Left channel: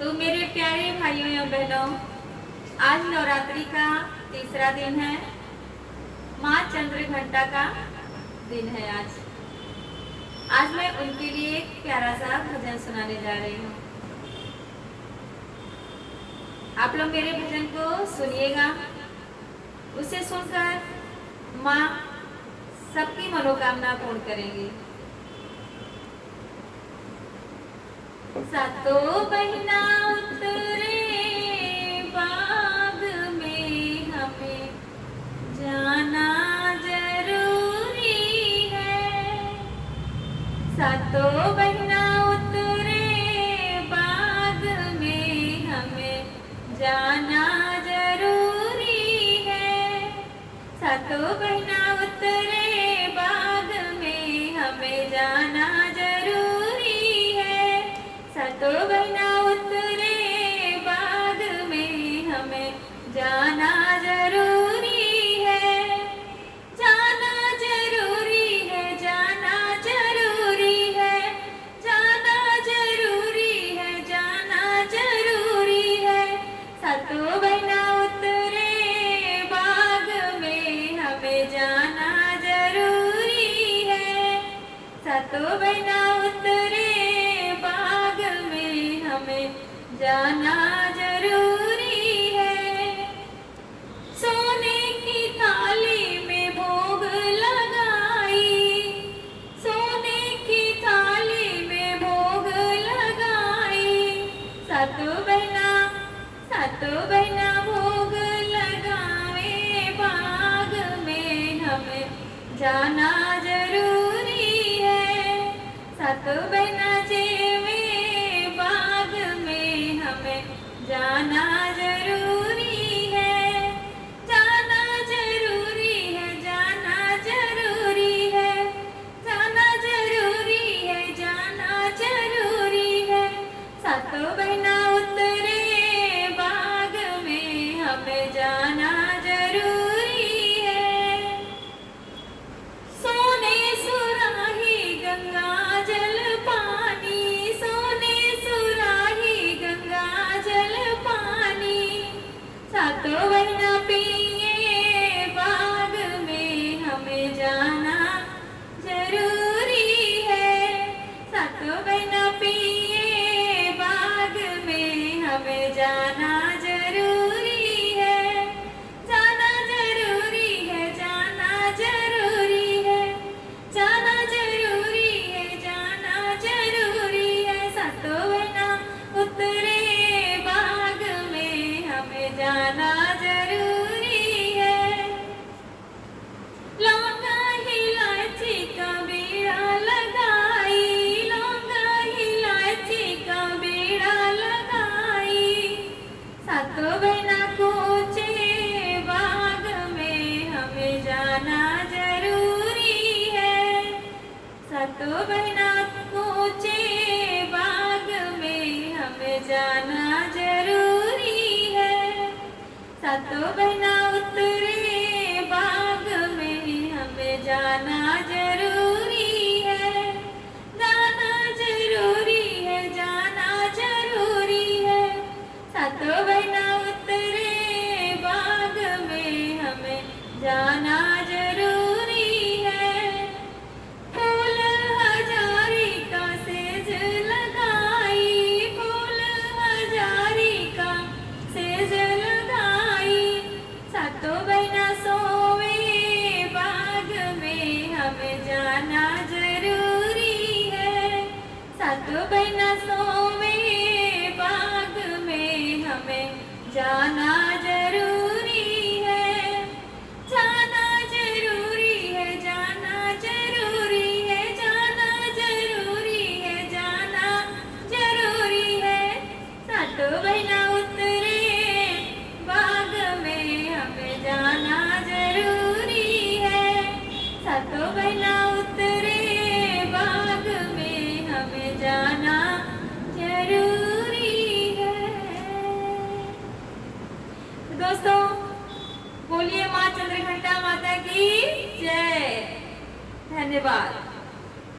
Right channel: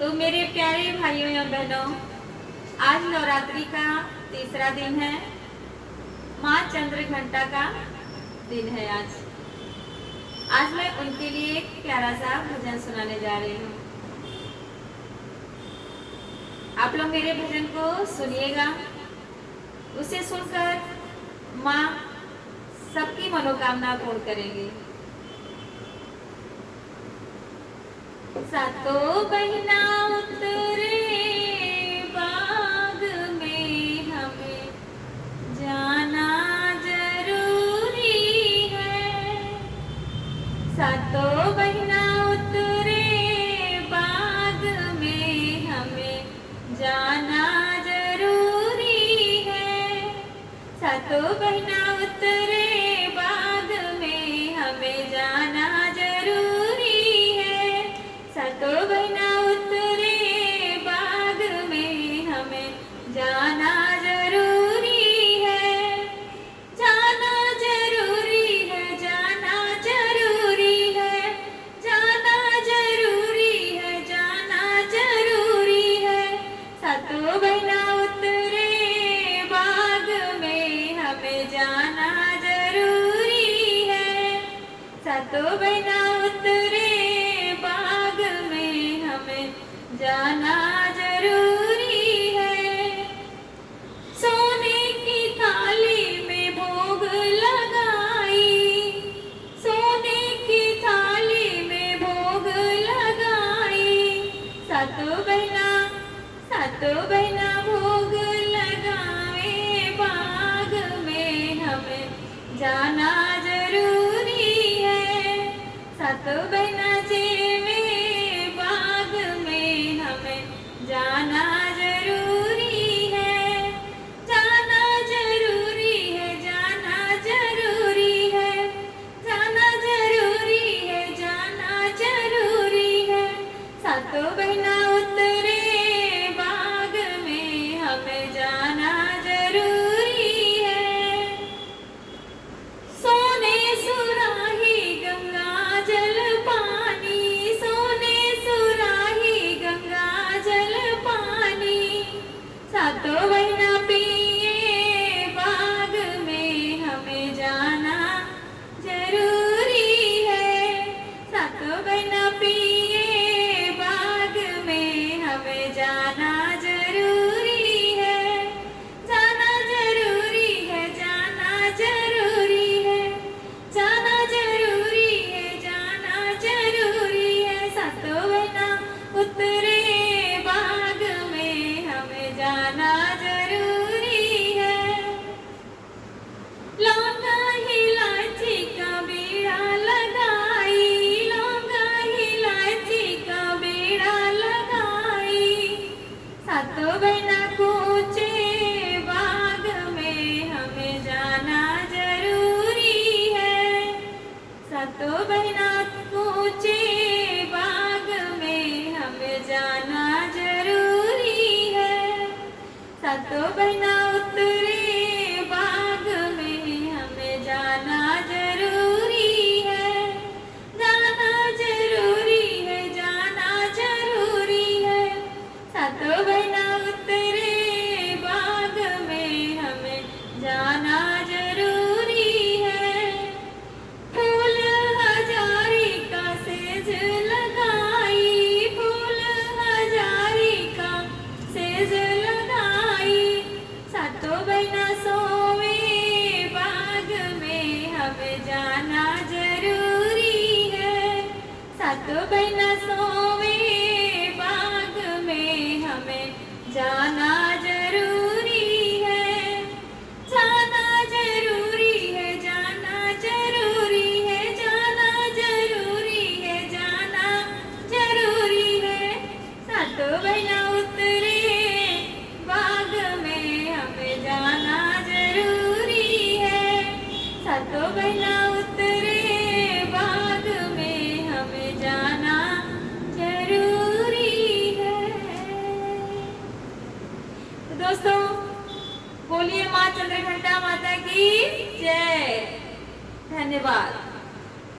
तो मेरे प्यारे भाइयों एवं बहनों, आज नवरात्रि का तीसरा दिन है। माँ चंद्रघंटा का दिन है आज मैं उनके लिए एक प्यारा सा भजन सुनाने जा रही हूँ। आप लोग मेरे भजन को सुनिएगा। उसे सुनकर माँ सबकी मनोकामना पूर्ण करेंगी। सातों बहिना उतरे बाग में, हमें जाना जरूरी है। सातों बहिना उतरे बाग में, हमें जाना जरूरी है। सातों बहिना उतरे बाग में, हमें जाना जरूरी है। सातों बहिना उतरे बाग में, हमें जाना जरूरी है। जाना जरूरी है, जाना जरूरी है, जाना जरूरी है, जाना जरूरी है। सातों बहिना उतरे बाग में, हमें जाना जरूरी है। सातों बहिना उतरे बाग में, हमें जाना जरूरी है। सोने की थाली में भोग लगाई, सोने की थाली में भोग लगाई। सातों बहिना भोग लगावे बाग में, हमें जाना जरूरी है। सातों बहिना जेवे बाग में, हमें जाना जरूरी है। जाना जरूरी है, जाना जरूरी है, जाना जरूरी है, जाना जरूरी है। सातों बहिना उतरे बाग में, हमें जाना जरूरी है। सोने सुराही गंगा जल पानी, सोने सुराही गंगा जल पानी। सातों बहिना पिए बाग में, हमें जाना जरूरी है। सातों बहिना पिए बाग में, हमें जाना जरूरी है। जाना जरूरी है, जाना जरूरी है, जाना जरूरी है, जाना जरूरी है। सातों बहिना उतरे बाग में, हमें जाना जरूरी है। लौंगा इलायची का बीड़ा लगाई, लौंगा इलायची का बीड़ा लगाई। सातों बहिना कूचे बाग में, हमें जाना जरूरी है। सातों बहिना कूचे बाग में, हमें जाना जरूरी है। सातों बहिना उतरे बाग में, हमें जाना जरूरी है। जाना जरूरी है, जाना जरूरी है। सातों बहिना उतरे बाग में, हमें जाना जरूरी है। फूल हजारी का सेज लगाई, फूल हजारी का सेज लगाई। सातों बहिना सोवे बाग में, हमें जाना जरूरी है। सातों बहिना सोवे बाग में, हमें जाना जरूरी है। जाना जरूरी है, जाना जरूरी है, जाना जरूरी है, जाना जरूरी है। सातों बहिना उतरे बाग में, हमें जाना जरूरी है। सातों बहिना उतरे बाग में, हमें जाना जरूरी है। तो दोस्तों, बोलिए माँ चंद्रघंटा माता की जय। धन्यवाद।